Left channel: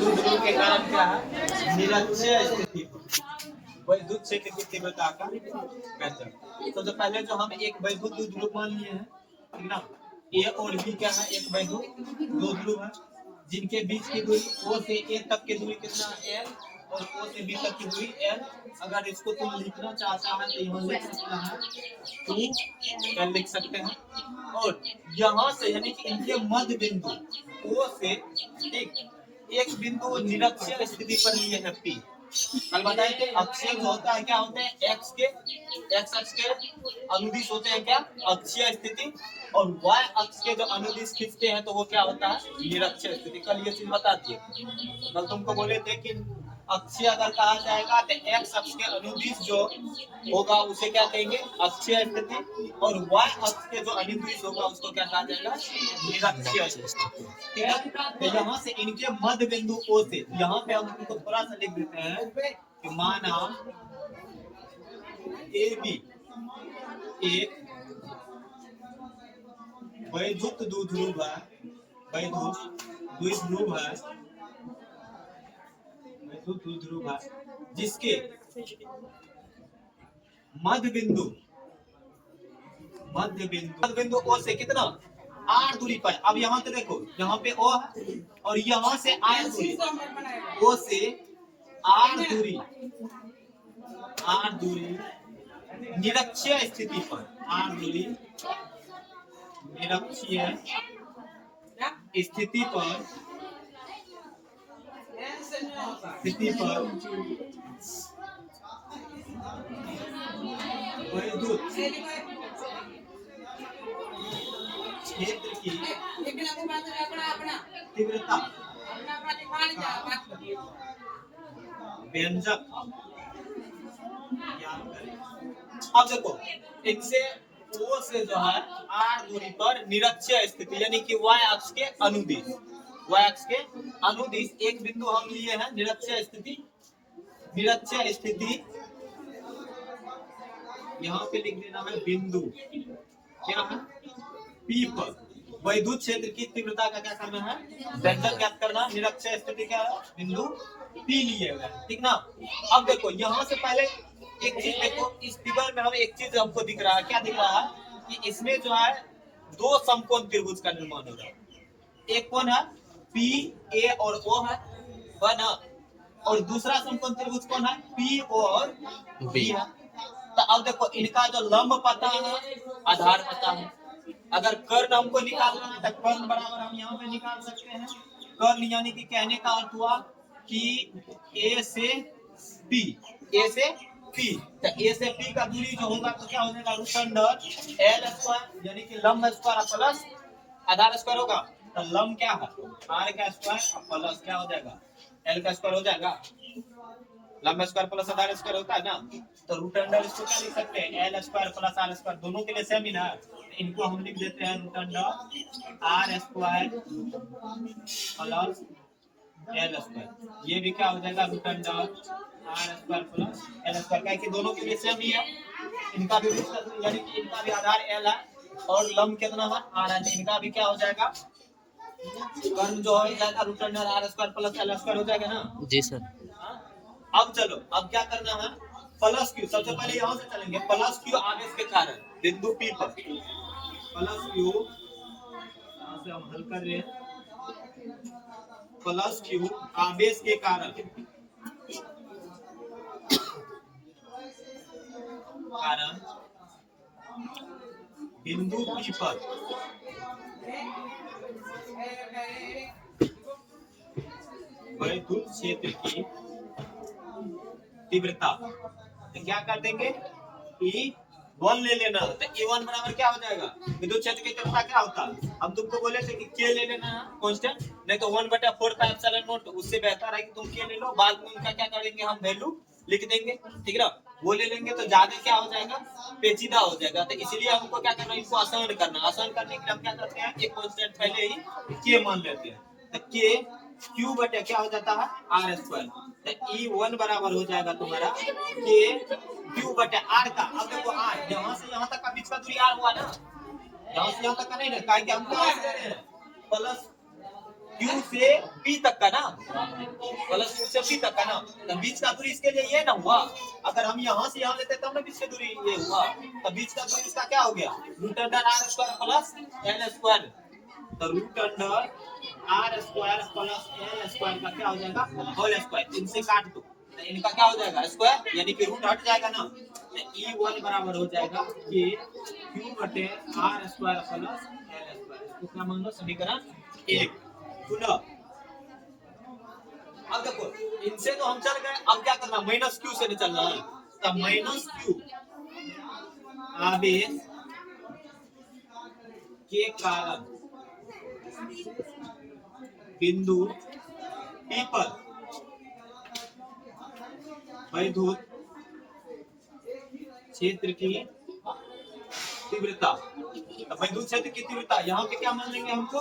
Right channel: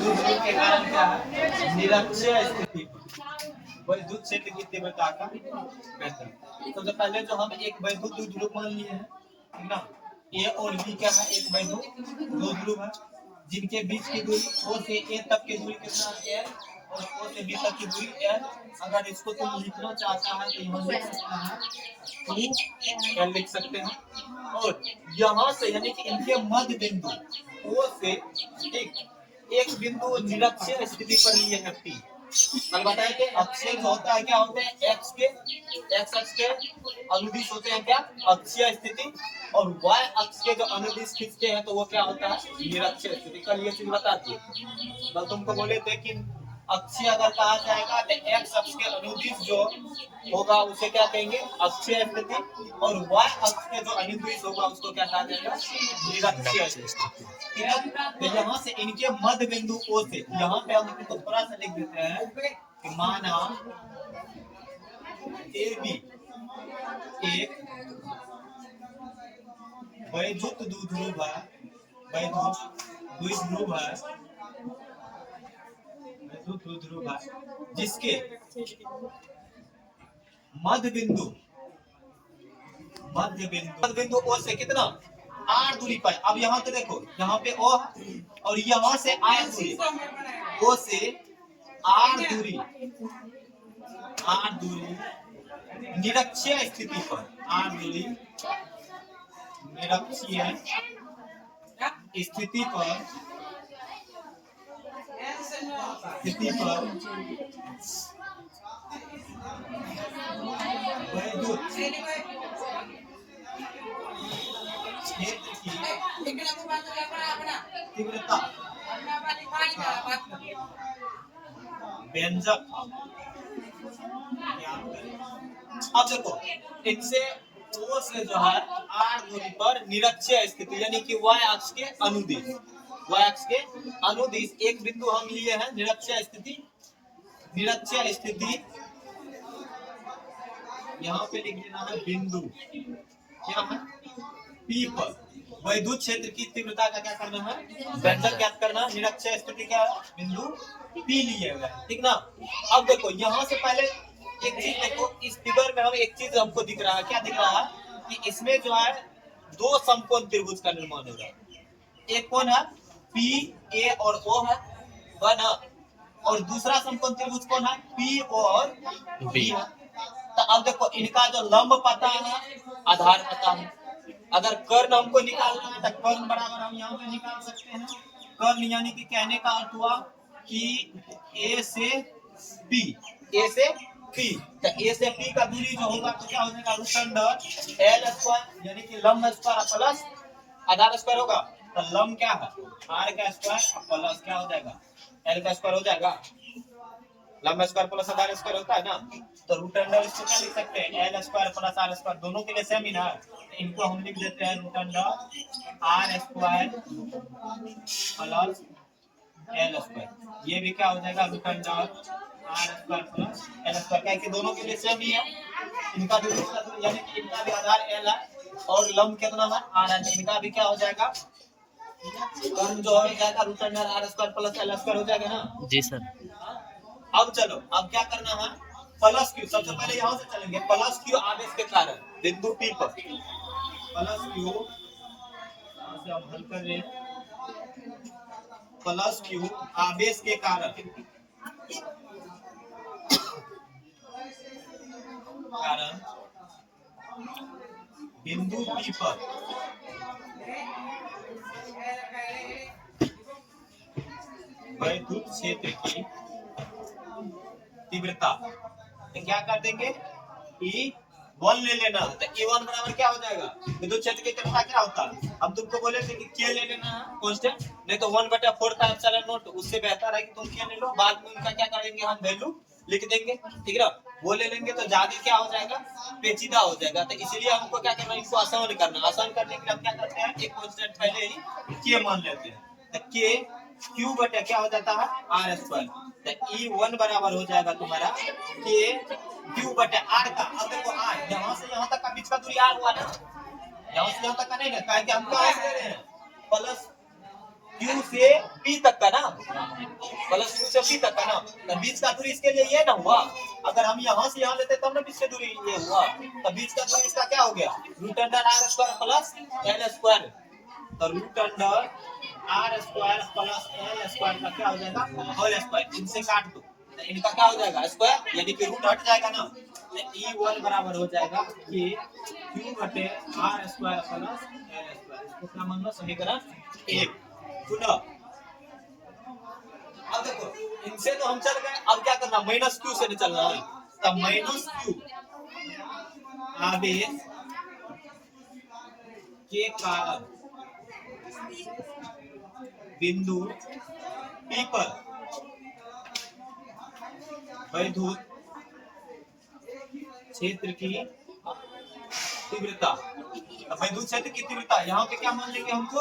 द्विध्रुव के कारण क्या है, निरक्षीय स्थिति पर वैद्युत क्षेत्र की तीव्रता का पैटर्न। सबसे पहले जो हम एक वैद्युत द्विध्रुव मान लिए हैं, ठीक ना, ए और बी क्या है, एक वैद्युत दो ध्रुव है जिनके बीच की दूरी ओ से ए तक की दूरी कितना एल और ओ से बी तक की दूरी एल। अगर इसको तुम लिखना चाहता है तो यहाँ लिख सकता है 2 लिख सकते हैं। और यहाँ से यानी कि इनके मध्य बिंदु ओ से एक बिंदु निरक्षीय स्थिति पर लिए है पी। कल बताए थे अक्षीय होता है क्या, होते हैं एक्स अक्ष के अनुदिश होते हैं क्या, अक्षीय स्थिति, और वाई अक्ष के जो अनुदिश खींचते हैं तो वो क्या होता है, निरक्षीय स्थिति। कल ये चीज बता दिए, कल तुमको बोले थे कि अक्षीय अगर कहा जाएगा तो एक्स अक्ष के अनुदिश जो होगा उसे क्या कहेंगे, अक्षीय स्थिति, और वाई अक्ष के जो अनुदिश होगा उसको क्या कहा जाएगा, निरक्षीय स्थिति। ठीक है, तो यहाँ से इनके मध्य बिंदु ओ से, यहाँ पे हम इनको थोड़ा सा लिख देते हैं कि माना ए बी एक वैद्युत द्विध्रुव है, वैद्युत द्विध्रुव है, वैद्युत द्विध्रुव है जिसके मध्य बिंदु ओ से कितना आर दूरी पर। अब यहाँ पे देखो, यहाँ पे ओ है और यहाँ से आर दूरी, ओ से आर दूरी निरक्षीय स्थिति पर, आर दूरी निरक्षीय स्थिति पर वैद्युत क्षेत्र की तीव्रता व्यंजक ज्ञात करें। अब देखो, इनसे ओ से जो है आर दूरी पर निरक्षीय स्थिति यानी कि वाई अक्ष के अनुदिश एक बिंदु हम लिए हैं, निरक्षीय स्थिति यहाँ पे लिख देना है बिंदु क्या है, पी पर वैद्युत क्षेत्र की तीव्रता का क्या करना है, व्यंजक ज्ञात करना। निरक्षीय स्थिति क्या है, बिंदु पी लिए हुए, ठीक ना। अब देखो यहाँ से पहले एक चीज देखो, इस फिगर में हम एक चीज हमको दिख रहा है, क्या दिख रहा है कि इसमें जो है दो समकोण त्रिभुज का निर्माण हो रहा है। एक कौन है, पी ए और ओ है वन, और दूसरा समकोण त्रिभुज कौन है, पी और बी है। तो अब देखो इनका जो लंब पता है, आधार पता है। अगर कर्ण हमको निकालना है तो कर्ण बराबर हम यहाँ पे निकाल सकते हैं। कर्ण यानी कि कहने का अर्थ हुआ कि ए से पी, तो ए से पी का दूरी जो होगा तो क्या हो जाएगा, रूट अंडर एल स्क्वायर यानी कि लंब स्क्वायर प्लस आधार स्क्वायर होगा। तो लंब क्या है, आर का स्क्वायर प्लस क्या हो जाएगा, एल का स्क्वायर हो जाएगा। लंब स्क्वायर प्लस आधार स्क्वायर होता है ना, तो रूट अंडर इसको क्या लिख सकते हैं, L square plus R square, दोनों के लिए सेम ही ना। इनको हम लिख देते हैं root under are square plus L square. ये भी क्या हो जाएगा, root under are square plus L square, क्या कि दोनों के लिए सेम ही है। इनका भी यानी कि इनका भी आधार एल है और लंब कितना है, आर है, इनका भी क्या हो जाएगा, कर्ण जो हो जाएगा root under are square plus L square हो जाएगा ना। जी सर। अब चलो, अब क्या करना है, प्लस क्यू। सबसे पहले यहाँ से चलेंगे, प्लस क्यू आवेश के कारण बिंदु पी पर, प्लस क्यू यहाँ से हम हल कर रहे हैं, प्लस क्यू आवेश के कारण बिंदु पी पर वैद्युत क्षेत्र की तीव्रता, तो क्या कर देंगे, E1 ले लेना। तो E1 बराबर क्या हो जाएगा, विद्युत क्षेत्र की तीव्रता क्या होता है, हम तुमको बोले थे कि K ले लेना है कांस्टेंट, नहीं तो 1/4 पाई एप्सिलॉन नॉट, उससे बेहतर है कि तुम K ले लो, बाद में उनका क्या करेंगे, हम वैल्यू लिख देंगे, ठीक है। वो ले लेंगे तो ज्यादा क्या हो जाएगा, पेचीदा हो जाएगा। तो इसीलिए हमको क्या करना है, इसको आसान करना। आसान करने के लिए हम क्या करते हैं, एक कांस्टेंट पहले ही K मान लेते हैं। तो K क्यू बटे क्या हो जाता है, आर स्क्वायर। तो E1 बराबर हो जाएगा तुम्हारा K क्यू बटे आर का। अब देखो आर यहाँ से यहाँ तक का बीच का दूरी आर हुआ ना, यहाँ से यहाँ तक का नहीं ना, क्या हम क्या ले रहे हैं, प्लस Q से P तक का ना, प्लस Q से P तक का ना, तो बीच का दूरी इसके लिए ये ना हुआ। अगर हम यहाँ से यहाँ लेते तब ना बीच की दूरी ये हुआ, तो बीच का दूरी इसका क्या हो गया, root under are square plus L square. तो root under are square plus L square का क्या हो जाएगा, होल स्क्वायर। इनसे काट दो तो इनका क्या हो जाएगा, स्क्वायर, यानी कि रूट हट जाएगा ना। E1 बराबर हो जाएगा कि Q बटे R square plus L square. इसको क्या मान लो, समीकरण 1। पुनः अब देखो, इनसे तो हम चल गए, अब क्या करना, माइनस क्यू से निकलना है। तब माइनस क्यू आवेश के कारण बिंदु P पर वैद्युत क्षेत्र की तीव्रता। वैद्युत क्षेत्र की तीव्रता यहाँ पे क्या मान लेंगे, हमको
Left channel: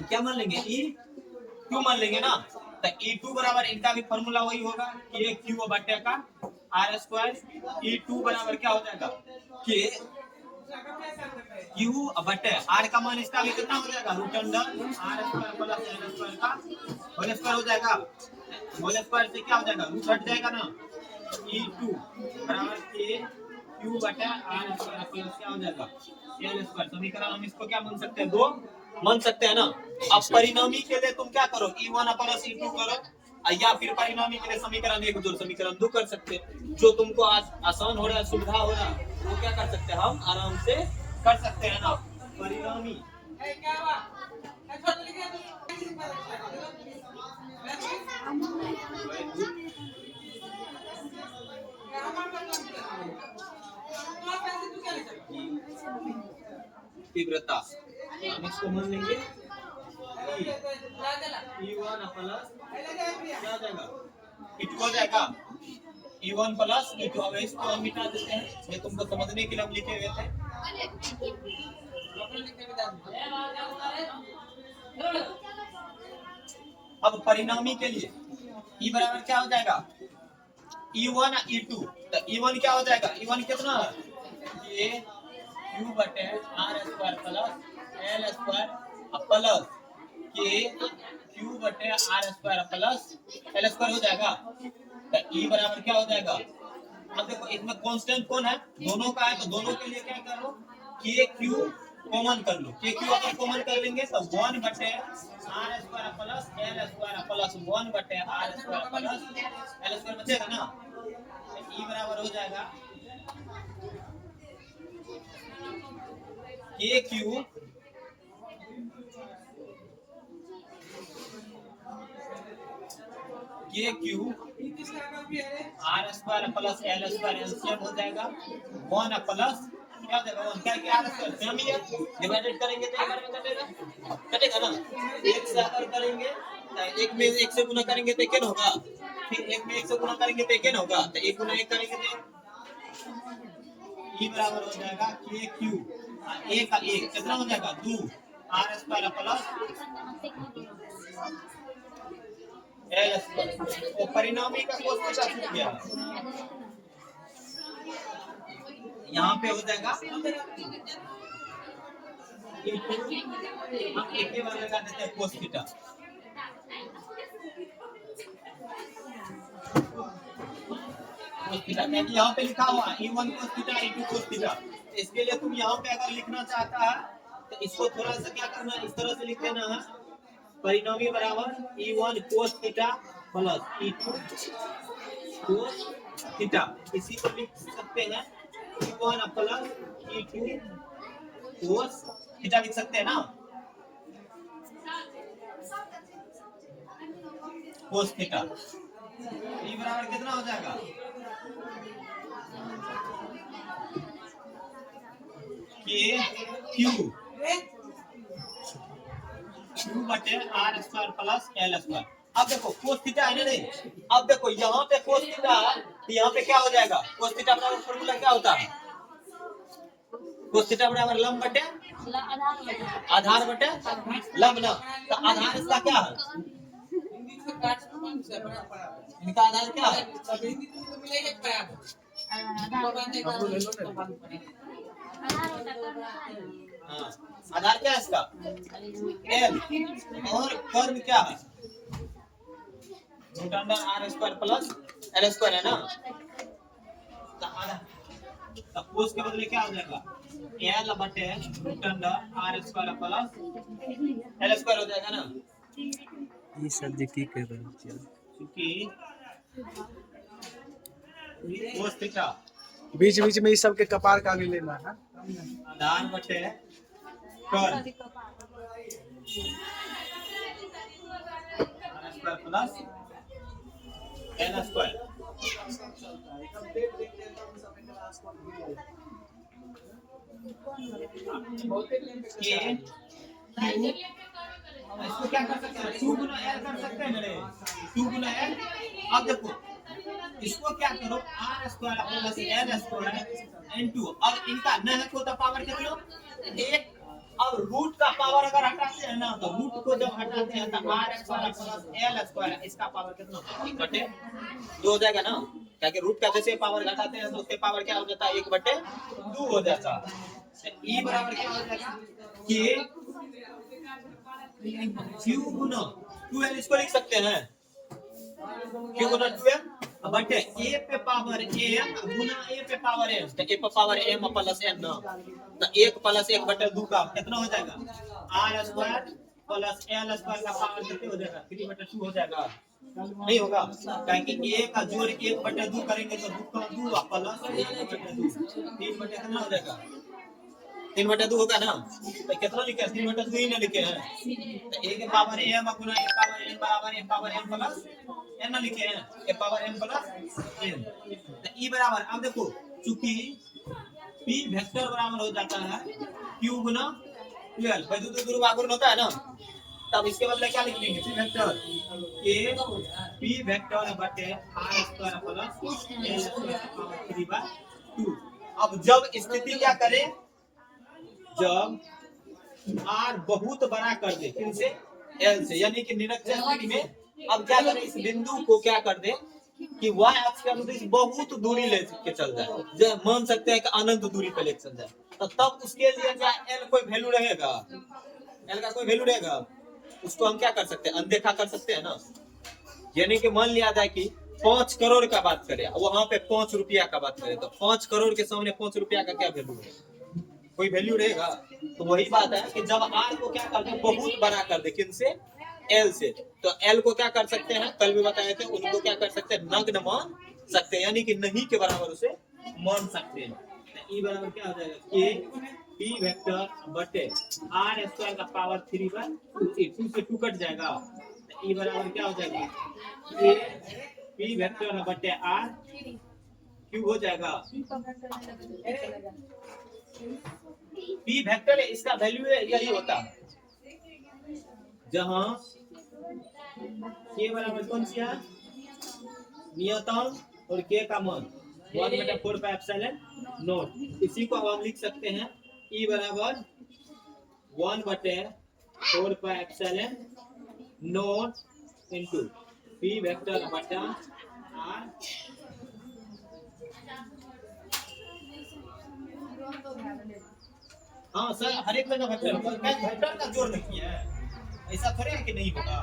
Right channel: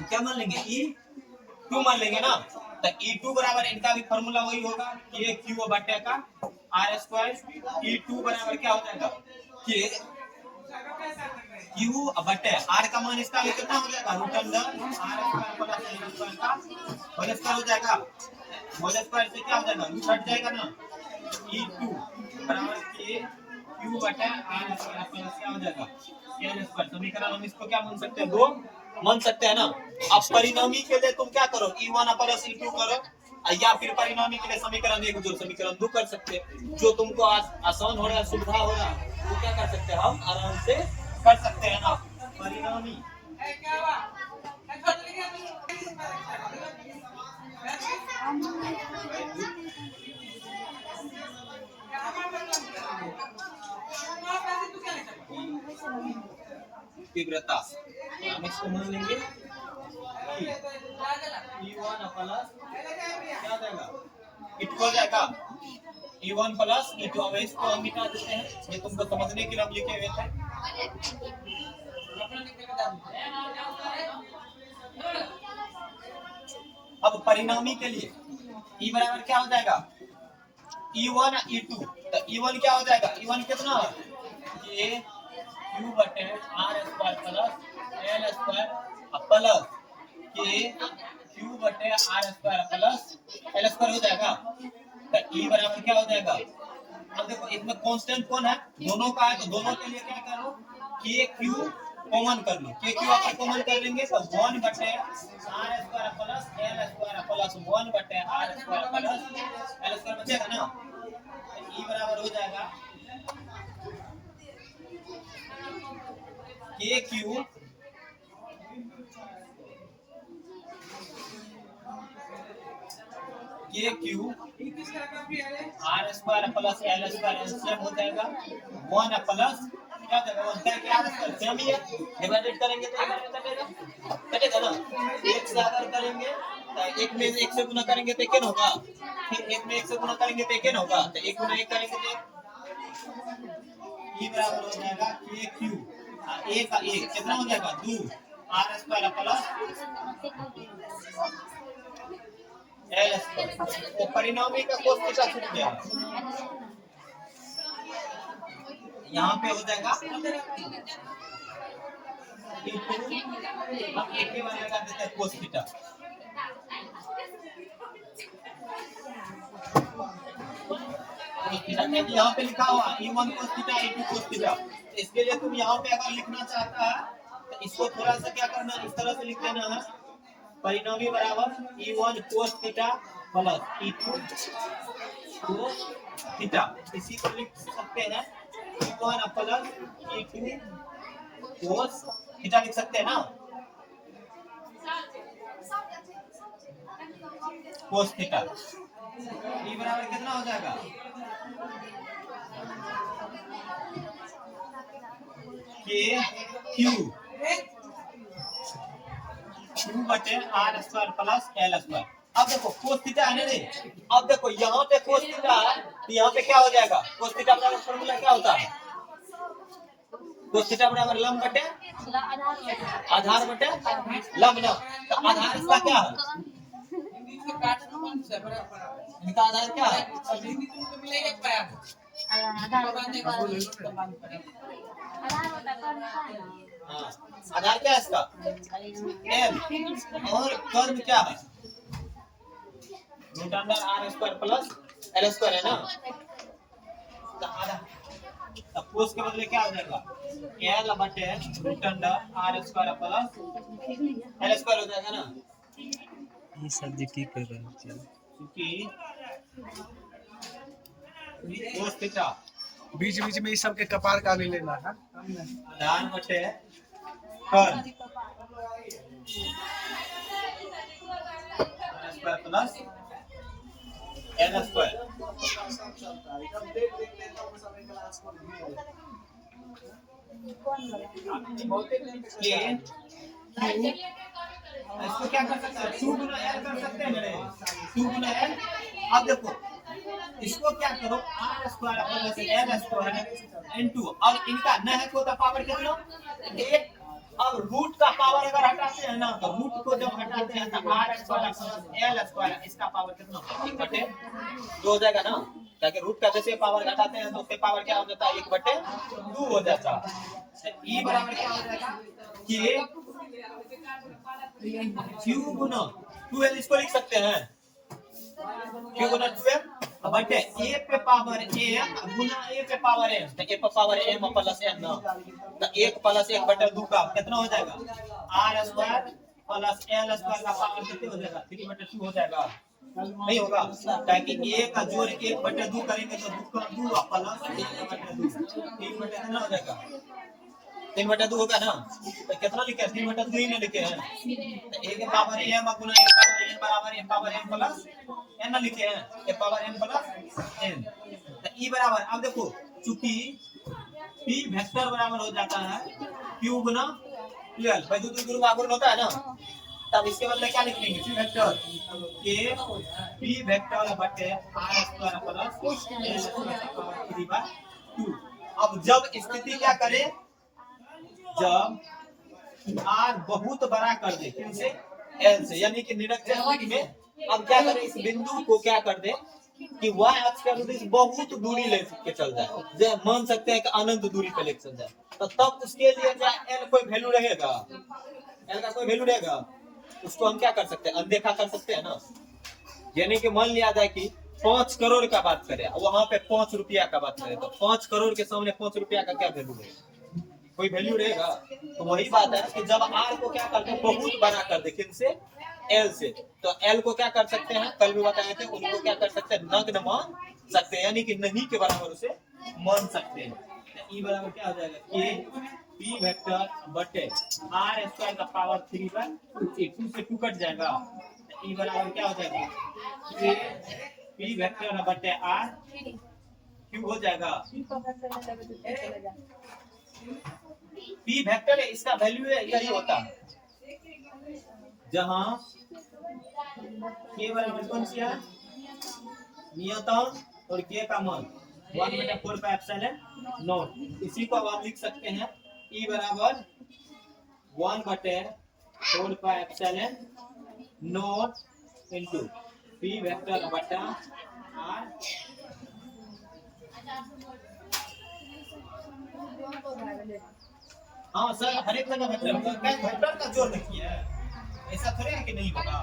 क्या मान लेंगे, E2 मान लेंगे ना। तो E2 बराबर, इनका भी फॉर्मूला वही होगा कि Q बटे का आर स्क्वायर। E2 बराबर क्या हो जाएगा कि Q बटे आर का मान इसका भी कितना हो जाएगा, root under are square plus L square का होल स्क्वायर हो जाएगा। होल स्क्वायर से क्या हो जाएगा, रूट हट जाएगा ना। E2 बराबर के Q बटे आर स्क्वायर प्लस क्या हो जाएगा, एल स्क्वायर। समीकरण हम इसको क्या मान सकते हैं, 2 मान सकते हैं ना। अब परिणामी के लिए तुम क्या करो, E1 प्लस E2 करो, या फिर परिणामी के लिए समीकरण 1 जोड़ समीकरण 2 कर सकते हैं। जो तुमको आसान हो रहा है, सुविधा हो रहा है, वो क्या कर सकते हैं, हम आराम से कर सकते हैं ना। परिणामी तीव्रता हम इसको मान लेंगे E1 प्लस क्या हो जाएगा, E2 हो जाएगा। E1 plus E2। अब इसको हम मिटा देते हैं, ये तुमको समझने के लिए हम लिखे हुए थे। अब परिणामी के लिए E बराबर क्या हो जाएगा, E1 E2। तो E1 क्या हो जाएगा, E1 कितना है, ये Q बटे R square plus L square plus K Q बटे R square plus L square हो जाएगा। तो E बराबर क्या हो जाएगा, अब देखो इसमें कांस्टेंट कौन है, दोनों का है, तो दोनों के लिए क्या करो, के क्यू कॉमन कर लो। के क्यू अगर कॉमन कर लेंगे तो 1 बटे R square plus L square plus 1 बटे R square plus L square बचेगा ना। तो E बराबर हो जाएगा K Q R square plus L square LCM हो जाएगा 1 प्लस क्या हो जाएगा, 1 करके आर स्क्वायर सेम ही है। डिवाइडेड करेंगे तो एक बार में कटेगा, कटेगा ना। एक से अगर करेंगे तो एक में एक से गुना करेंगे तो एक होगा, फिर एक में एक से गुना करेंगे तो एक होगा, तो एक गुना एक करेंगे तो E बराबर हो जाएगा के क्यू एक का एक कितना हो जाएगा, 2 R square plus L square. तो परिणामी का कोस थीटा छूट गया, यहाँ पे हो जाएगा हम एक ही बार लगा देते हैं कोस थीटा। यहाँ पे लिखा हुआ E1 cos theta E2 cos theta. इसके लिए तुम यहाँ पे अगर लिखना चाहता है तो इसको थोड़ा सा क्या करना है, इस तरह से लिख देना है, परिणामी बराबर E1 cos theta plus E2 cos theta. इसी को लिख सकते हैं E1 plus E2 cos theta लिख सकते हैं ना, कोस थीटा। E बराबर कितना हो जाएगा, के क्यू बटे R square plus L square. अब देखो कोस थीटा है ना, नहीं, अब देखो यहाँ पे कोस थीटा है तो यहाँ पे क्या हो जाएगा, कोस थीटा बराबर फॉर्मूला क्या होता है, कोस थीटा बराबर लंब बटे आधार बटे लंब ना। तो आधार इसका क्या है, इनका आधार क्या है, हाँ, आधार क्या है इसका? एल। और कर्म क्या है? Root under are square plus L square है ना। तो आधा कोस के बदले क्या हो जाएगा? एल बटे root under are square plus L square हो जाएगा ना। ये सब जी की कर रहे हैं क्योंकि कोस थीटा बीच बीच में इस सब के कपार का भी लेना है। आधार बटे कर्म R square plus L square. ये इसको क्या कर सकते हैं? 2 गुना एल कर सकते हैं मेरे 2 गुना एल। अब देखो इसको क्या करो R square plus L square into अब इनका न है को तो पावर कितना? 1। अब रूट का पावर अगर हटाते हैं ना तो रूट को जब हटाते हैं तो R square plus L square इसका पावर कितना होता है? 1/2 हो जाएगा ना। क्या कि रूट का जैसे पावर घटाते हैं तो उसके पावर क्या हो जाता है? 1/2 हो जाता है। ई बराबर क्या हो जाएगा? कि क्यू गुना 2l इसको लिख सकते हैं क्यू गुना 2l बटे a पे पावर m गुना a पे पावर m। तो a पे पावर m प्लस n ना तो 1 प्लस 1/2 का कितना हो जाएगा? r square plus l square का पावर कितने हो जाएगा? 3/2 हो जाएगा। नहीं होगा ताकि a का जोड़ 1/2 करेंगे तो 2 का 2 प्लस 1/2 3 कितना हो जाएगा? 3/2 होगा ना। तो कितना लिखे हैं? 3/2 ही ना लिखे हैं। तो a के power m Guna a power n बराबर a power n plus n ना लिखे हैं a power n plus n। तो e बराबर अब देखो चूंकि p वेक्टर बराबर हो जाता है q गुना 12 भाई दूर गुना होता है ना। तब इसके बदले क्या लिख लेंगे? p vector a p vector बटे r square plus l square का पावर 3/2। अब जब स्थिति क्या करे? जब r बहुत बड़ा कर दे किनसे? l से यानी कि निरक्षर स्थिति में अब क्या करें? इस बिंदु को क्या कर दे कि y अक्ष के अनुदिश बहुत दूरी ले के चल जाए। जब मान सकते हैं कि अनंत दूरी पे लेके चल जाए तो तब उसके लिए क्या l कोई वैल्यू रहेगा? l का कोई वैल्यू रहेगा? उसको हम क्या कर सकते हैं? अनदेखा कर सकते हैं ना। यानी कि मान लिया जाए कि 5 करोड़ का बात करें वहां पे 5 रुपया का बात करें तो 5 करोड़ के सामने 5 रुपया का क्या वैल्यू है? कोई वैल्यू रहेगा? तो वही बात है कि जब r को क्या कर दे बहुत बड़ा कर दे किनसे? l से। तो l को क्या कर सकते हैं? कल भी बताए थे उनको क्या कर सकते हैं? नग्न मान सकते हैं यानी कि नहीं के बराबर उसे मान सकते हैं। तो e बराबर क्या हो जाएगा? k p वेक्टर बटे r स्क्वायर का पावर 3/2 2 से 2 कट जाएगा। तो e बराबर क्या हो जाएगा? k p वेक्टर बटे r क्यूब हो जाएगा। p वेक्टर है इसका वैल्यू यही होता है जहां k बराबर कौन सी है? नियतांक और k का मान 1/4 पाई एप्सिलॉन नॉट। इसी को अब हम लिख सकते हैं e बराबर 1/4 pi epsilon not into p vector बटा r। हाँ सर हर एक जगह वेक्टर का जोड़ नहीं है। ऐसा थोड़ी है कि नहीं होगा।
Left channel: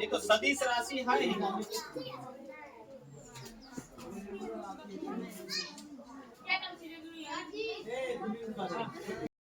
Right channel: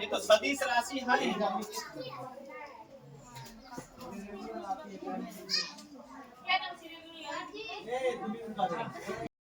ये तो सदिश राशि है।